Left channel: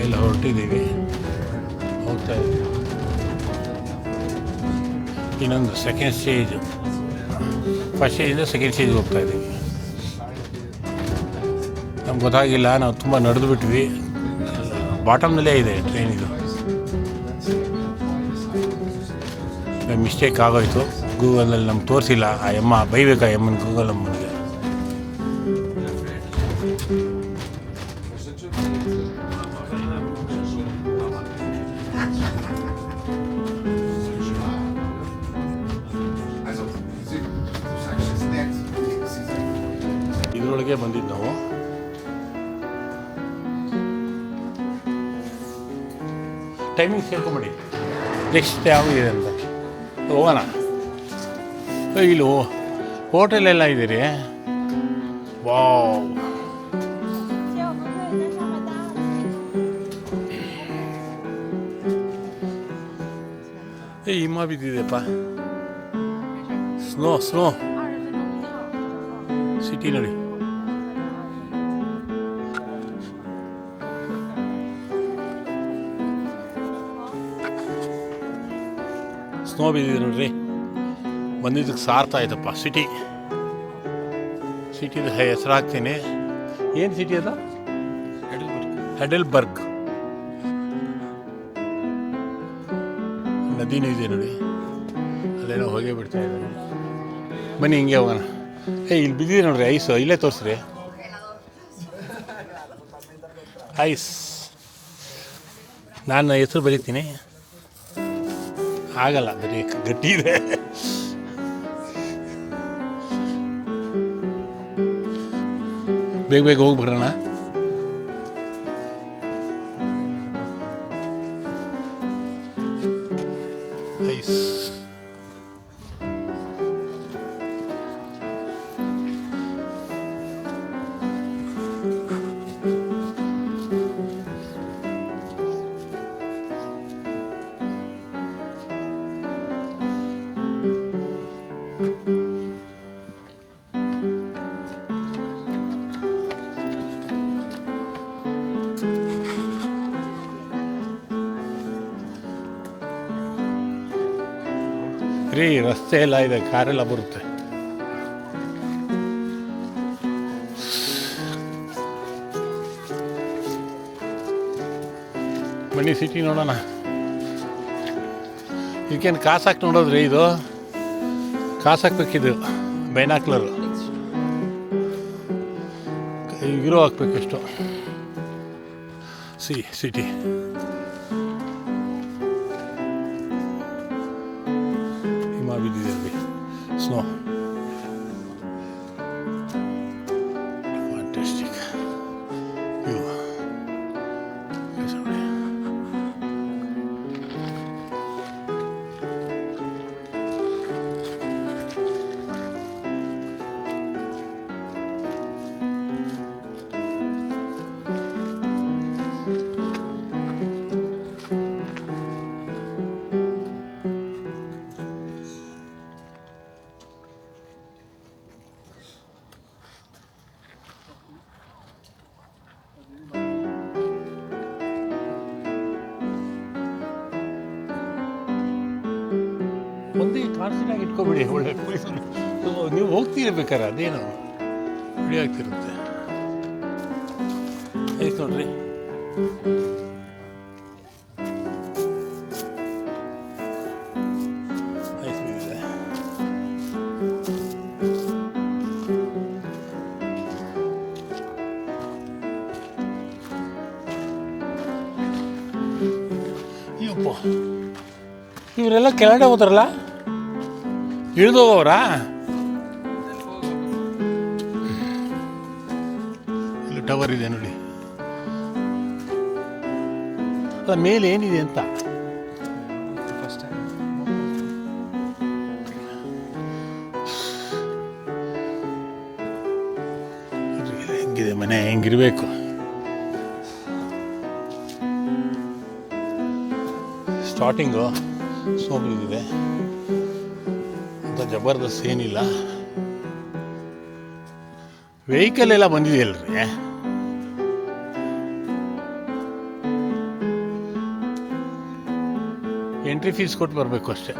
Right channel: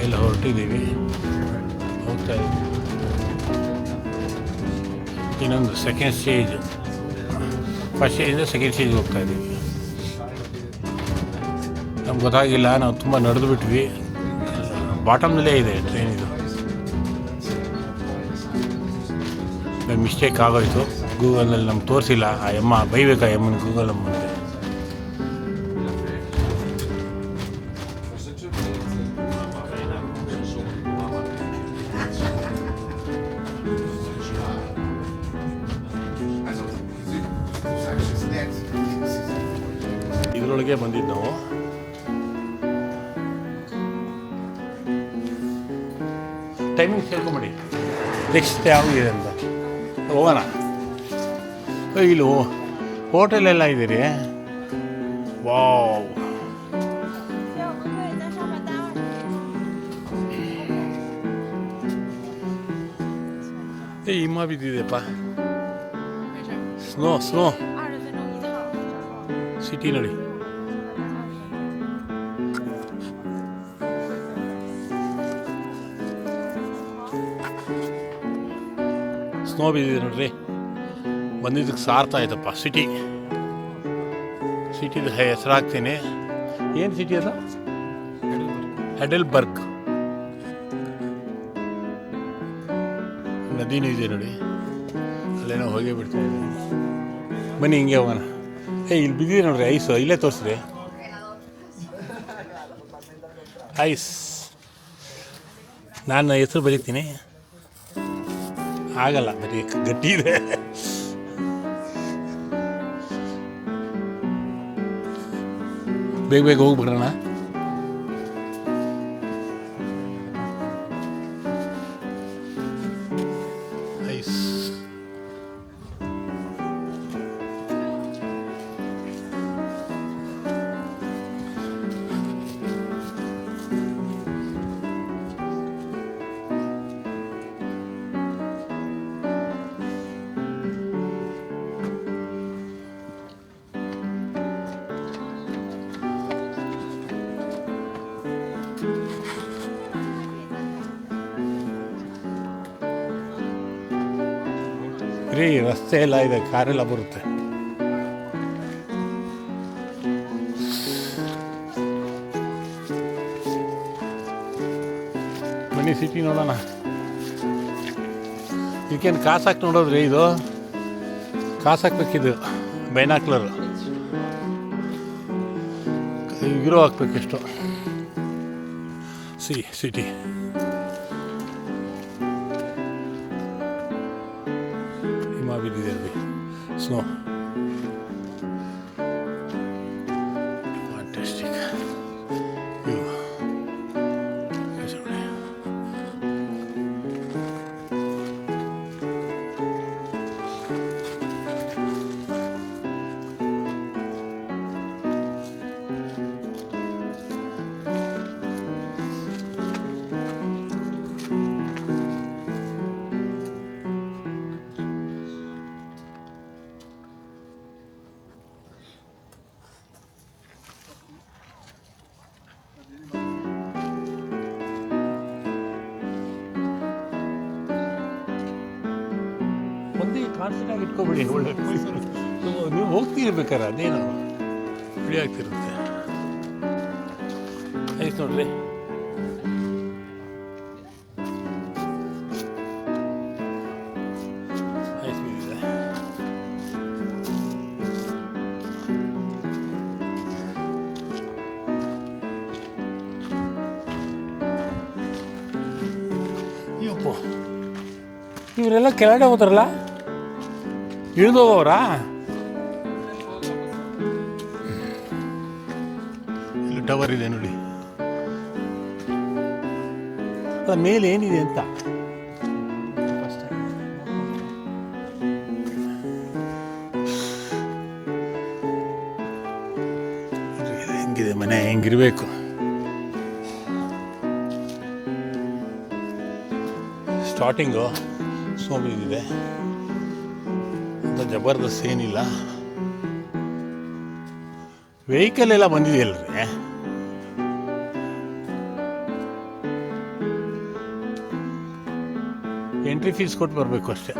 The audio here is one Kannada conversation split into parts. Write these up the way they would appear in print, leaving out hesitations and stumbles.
ಮೇಲೆ ಹೊರಟಿದ್ದೀವಿ, ಹೋಗ್ತಾ ಇದ್ದೀವಿ. ಇನ್ನೊಂದು ಸೆಕೆಂಡ್ ಸ್ಟೇಜ್, ಫಸ್ಟ್ ಸ್ಟೇಜಿಂದ ಸೆಕೆಂಡ್ ಸ್ಟೇಜ್ಗೆ ಹೋಗ್ತಾ ಇದ್ದೀವಿ. ನಮ್ಗೆ ಗೊತ್ತಾಗಿಲ್ಲ, ನಾವು ತುಂಬ ನಡೆದು ಬಿಟ್ವಿ. ಬಾಟಮ್ನಲ್ಲೇ ಇದೆ ಟ್ರೈನ್. ಇದು ಮಿಸ್ಟೇಕ್ ಆಗೋಯ್ತು. ಗೂಗಲ್ನಲ್ಲಿ ನಮ್ಗೆ ತೋರಿಸಿಲ್ಲ. ಆ ಎಮ್ಮ ಬೈಬೇಕಾ ಎಮ್ಮನ, ಗೂಗಲ್ ಅಮ್ಮನಿಗೆ. ಇದರೊಳಗೆ ಬಂದಿದ್ದು ನಾವು. ಟೈಮಿಂಗ್ಸ್ ಹೇಳ್ಕೊಂಬಿಡಿ, ನೆಕ್ಸ್ಟ್ ಯಾವಿದೆ ಅಂತ ಹೋಗೋಣ. ಇಲ್ಲಿ ಹೋಟೆಲೆಲ್ಲ ಇದೀರಿ. ವಾವ್, ಹಿಮ ಬಿದ್ದಿದೆಪ್ಪ. ಸ್ನೋ ಸಿಟಿ ನೋಡಿ. ಸ್ನೋ ಬಿದ್ದಿದೆ ನೋಡ್ರಿ. ಬಂದಿದ್ದಕ್ಕೆ ಸಾರ್ಥ ಆಯ್ತಪ್ಪ. ಸಿಟಿದು ಹೆಸರು ಹಾಕ್ತೀನಿ. ಏನು ಸಿಟಿ ಅದ? ಹೆಡೆಲ್ಬರ್ಗ್. ನದಿನೂ ಇದೆ ನೋಡಿ, ಅಲ್ಲೇನೋ ಹೋಗೇ ಬಿಡ್ತಾ ಇದ್ದಾರೆ. ಬನ್ನಿ ಹಿಂಗೆ ಹೋಗೋಣ. ಇಲ್ಲಿ ಬಿದ್ದಿದೆ ನೋಡ್ರಿ ಐಸು, ಇಲ್ಲೇ ತೋರಿಸ್ರಿ. ಐಸ್, ನಾನು ಹೆಸರು ಬರೀತೀನಿ, ಆಗಲ್ಲ, ಬರೀ ಗಟ್ಟಿ ಇದೆ. ಬೇಗ ಹೋಗ್ಬಿಡೋಣ. ಐಸ್ ರೀ, ರಸ್ತೆ ಎಲ್ಲ ಇದೆ, ಕಾರೆಲ್ಲ ಬರುತ್ತೆ. ಬನ್ನಿ ಸಿಟಿ ನೋಡೋಣ. ಇದಕ್ಕೇನು ಕಾಸು ಹಾಕಿ ನೋಡೋದ್ರಿ? ಇದು ಕಾಸು ಹಾಕ್ಬೇಕಿದು, ಬೈನಾಕ್ಲರು ಇರೋ ಹಾಕ್ಬೇಕೆಷ್ಟು. ಸಿಟಿ ಹಿಮ ಬಿದ್ದಿದೆ ಅಲ್ಲಿ, ಸ್ನೋ. Fantastic view. ಒಂದೇ ಕಾನ್ಸ್ಟೆಂಟಾಗಿ ಇಟ್ಕೊಬಿಡಿ. ಒಳ್ಳೆ ಪೊಲೀಸರು ನೀವು ಹೋಗ್ತಿರ್ಬೇಕಾರೆ ಅದೇನೋ ವಿಡಿಯೋ ಆಗ್ತಿರುತ್ತೆ. ಐಸ್ ನೋಡ್ರಿ, ಐಸ್ ಬಿದ್ದಿದೆ. ಅಯ್ಯಪ್ಪ, ಇವರೆಲ್ಲ ಕೆಳಗಡೆ ಹೋದ್ರಲ್ಲ, ಇಳಿದೋಗವ್ರಾ? ಇಲ್ಲಿ ಟವರ್ ಇದೆ ನೋಡಿ. ಅಲ್ಲ, ಮೇಲೆ ಏನಿದೆ ಅಂತ ಹೆಂಗಿದೆ ಮನೆ, ಹೆಂಗಿರ್ಬೇಕು. ಸ್ಟಾರ್ಟಿಂಗು ಸ್ನೋ ಬಿದ್ದಿದೆ ಅಂತ ಜಬರ್ದಸ್ತ್ ಏನಿಲ್ಲ. ವೆಹಿಕಲ್ ಎಲ್ಲ ಬಂದಿದೆಯಲ್ರಿ, ಎಂಟ್ರಿ ಫೀಸ್ ಕೊಟ್ಟು ಬರಬೇಕು ಅಷ್ಟೇ.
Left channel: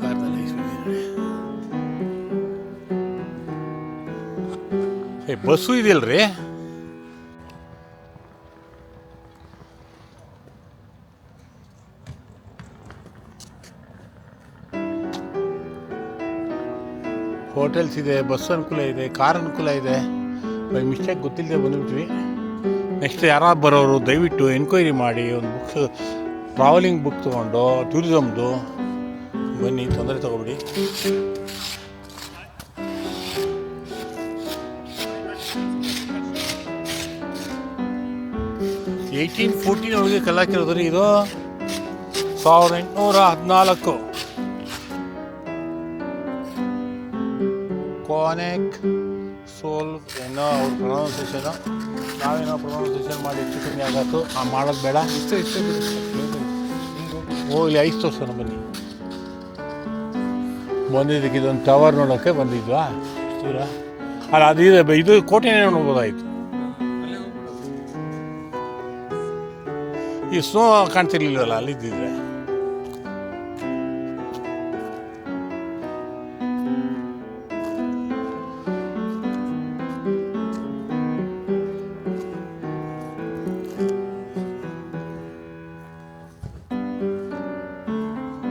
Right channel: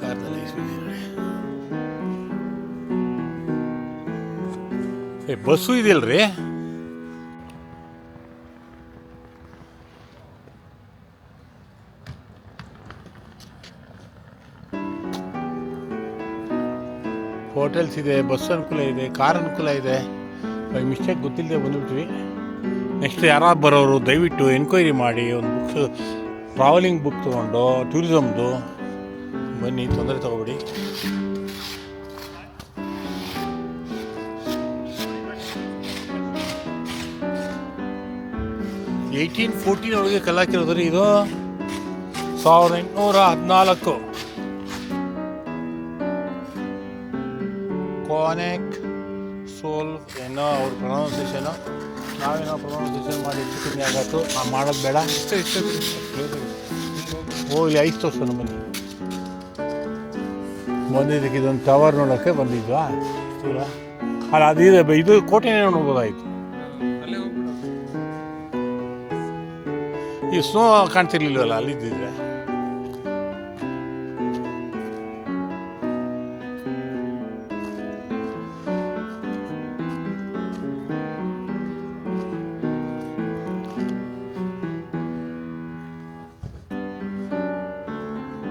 ಕಾರ್ನಲ್ಲಿ ಬಸ್ಸು ಇದೆಯಲ್ರಿ. ಹೋಟೆಲ್ಸ್ ಇದೆ, ಬಸ್ ಅನುಕೂಲ ಇದೆ, ಕಾರ್ ಅನುಕೂಲ ಇದೆ. ಬೈ ಮಿಸ್ಟೇಕ್ ಗೊತ್ತಿಲ್ಲದೆ ಬಂದುಬಿಟ್ವಿ. ನೆಕ್ಸ್ಟ್ ಯಾರಾದ್ರು ಬರೋರು ದಯವಿಟ್ಟು ಎನ್ಕ್ವೈರಿ ಮಾಡಿ ಒಂದು ಬುಕ್ಸ್, ಟ್ರಾವೆಲಿಂಗ್ ಬುಕ್ ತೊಗೊಂಡು ಟೂರಿಸಮ್ದು ಬನ್ನಿ, ತೊಂದರೆ ತಗೋಬೇಡಿ. ಏಯ್ಟೀನ್ 14 ಒಳಗೆ ಕಲಾಕಿರೋದ್ರಿ ಇದು. 1814 ಕೋನೆಕ್ ಸೋಲ್ ಏನೋ ಅವ್ರ ಪ್ರೊನೌನ್ಸಿಯೇಷನು. ನಾವೇನೋ ಪ್ರೊನೌನ್ಸಿಯೇಷನ್ ಮಾಡಿ ಹೆಚ್ಚು ಕಮ್ಮಿ ಆಗತ್ತು. ಮಾಡೋದು ಬೇಡ. ಇಲ್ಲಿ ಐಸ್ ತೋರ್ಸೋಣ ಬನ್ನಿ. ಬಂದಿದ್ದಕ್ಕೆ ಇದೊಂದು ಟವರ್ ನೋಡೋಕ್ಕೆ ಬಂದಿದ್ವಾ ದೂರ. ಅಲ್ಲ ಅದು ಇದು ಕೋಟೆನೇ ನೋಡ್ಬೋದಾಯಿತು. ಈ ಸ್ನೋ ಕಾಣ್ತಿರ್ಲಿಲ್ವಲ್ಲ ಅಲ್ಲಿದ್ದಿದ್ರೆ.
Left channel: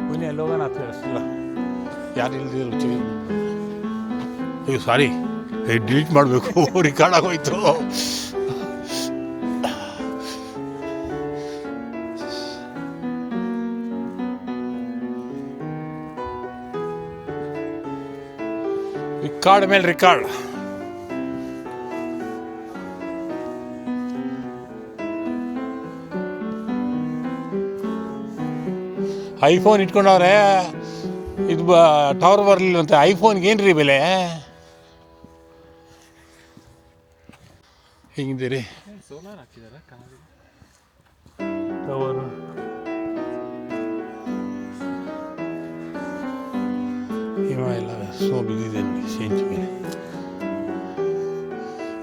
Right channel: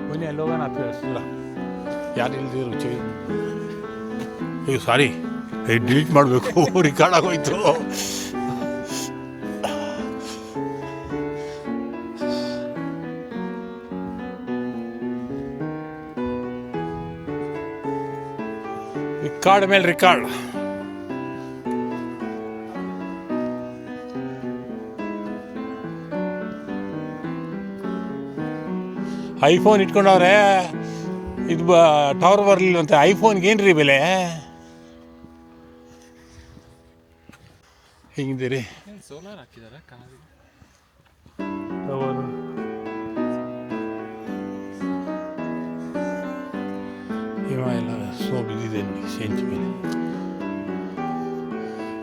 ಬನ್ನಿ ಅಲ್ಲಿ ಹೋಗೋಣ. ಅಷ್ಟು ಯಾರು ಇಲ್ದಿರೋ ರುಚಿ. ಅಯ್ಯೋ ಸಾರಿ, ಡಿಲೀಟ್ ಮಾಡಬೇಕು, ರೆಕಾರ್ಡ್ ಆಗೋಯ್ತು. ರಿಕಾರ್ಡ್ ಮೇಲೆ ರಿಕಾರ್ಡ್. ಐಫೋನ್ ಇಟ್ಕೊಂಡವ್ರೆ. ಇದು ಟವರ್ ಬರಲಿಲ್ಲಂತೆ. ಐಫೋನ್ಗೆ ಏನು ರೀ ಬೆಲೆ? ಹೇಗಿದ್ದೀರಿ? ಟವರು ಹಿಮ ಎಲ್ಲ ಸ್ನೋ ಬಿದ್ದಿದೆ ನೋಡಿ ಸೆಂಚ್ ಮೇಲೆ.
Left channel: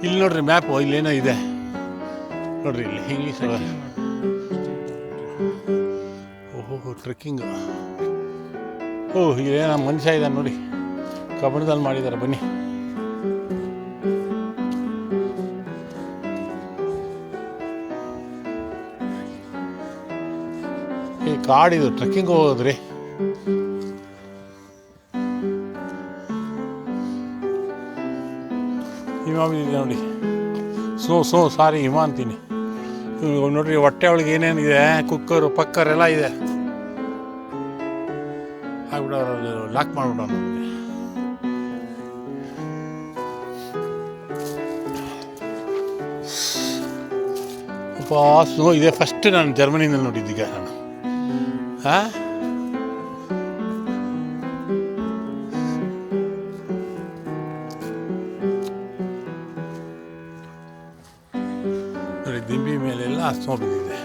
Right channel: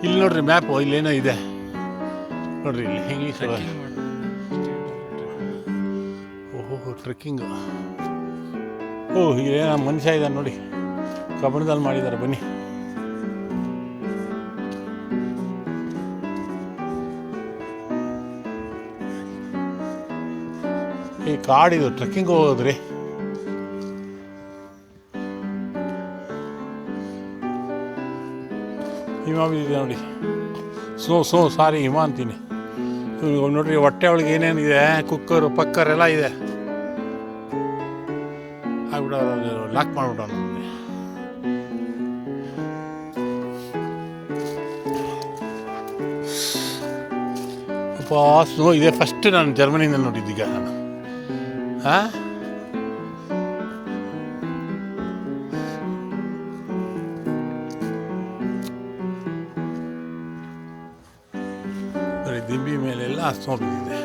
ಇಲ್ಲಿ ನೋಡ್ರಿ ಮ್ಯಾಪು, ಇಲ್ಲೇನೋ ಇದೆ ನೋಡ್ರಿ. ಇಲ್ಲಿ ಇಂಗ್ಲೀಷ್. ಓಹೋ ಟ್ರೆಕ್ಕಿಂಗ್. ಇಲ್ಲೇನೋ ಮನುಷ್ಯ ಇದ್ದಾನೆ ನೋಡಿ, ಕಬ್ಬಣದಲ್ಲಿ ಮಾಡಿದ್ದಾರೆ. ಬನ್ನಿ. ಈ ಕಾಡಿದು ಟ್ರೆಕ್ಕಿಂಗ್ ಹೋಗೋದ್ರಿ. ಹಿಮ ಬಿದ್ದಿದೆ ನೋಡಿ. ಸ್ನೋ ಸಾರಿ ಹಿಮ ಅಂತೀನಿ. ನೋಡ್ರಿ ಹೊಟ್ಟೆ ಒಳಗೆ ಏನೇನಿದೆ, ಕುಕ್ಕರು ಪಕ್ಕರ್ ಎಲ್ಲ ಇದೆ. ಆಗ್ಬಿಡೋರು ಲಾಕ್ ಮಾಡಿಬಿಡೋಣ. ಅಪ್ಪ ಸ್ನೋ ಇದೆ. ಫಸ್ಟ್ ನಾನು ಜರ್ಮನಿನಲ್ಲಿ ನೋಡಿದ್ದೀಗ ನಾನು. ನೋಡಿ ದಿಂಬಿ ಮೇಲೆಲ್ಲ ಸ್ನೋ ಬಿದ್ದಿದೆ.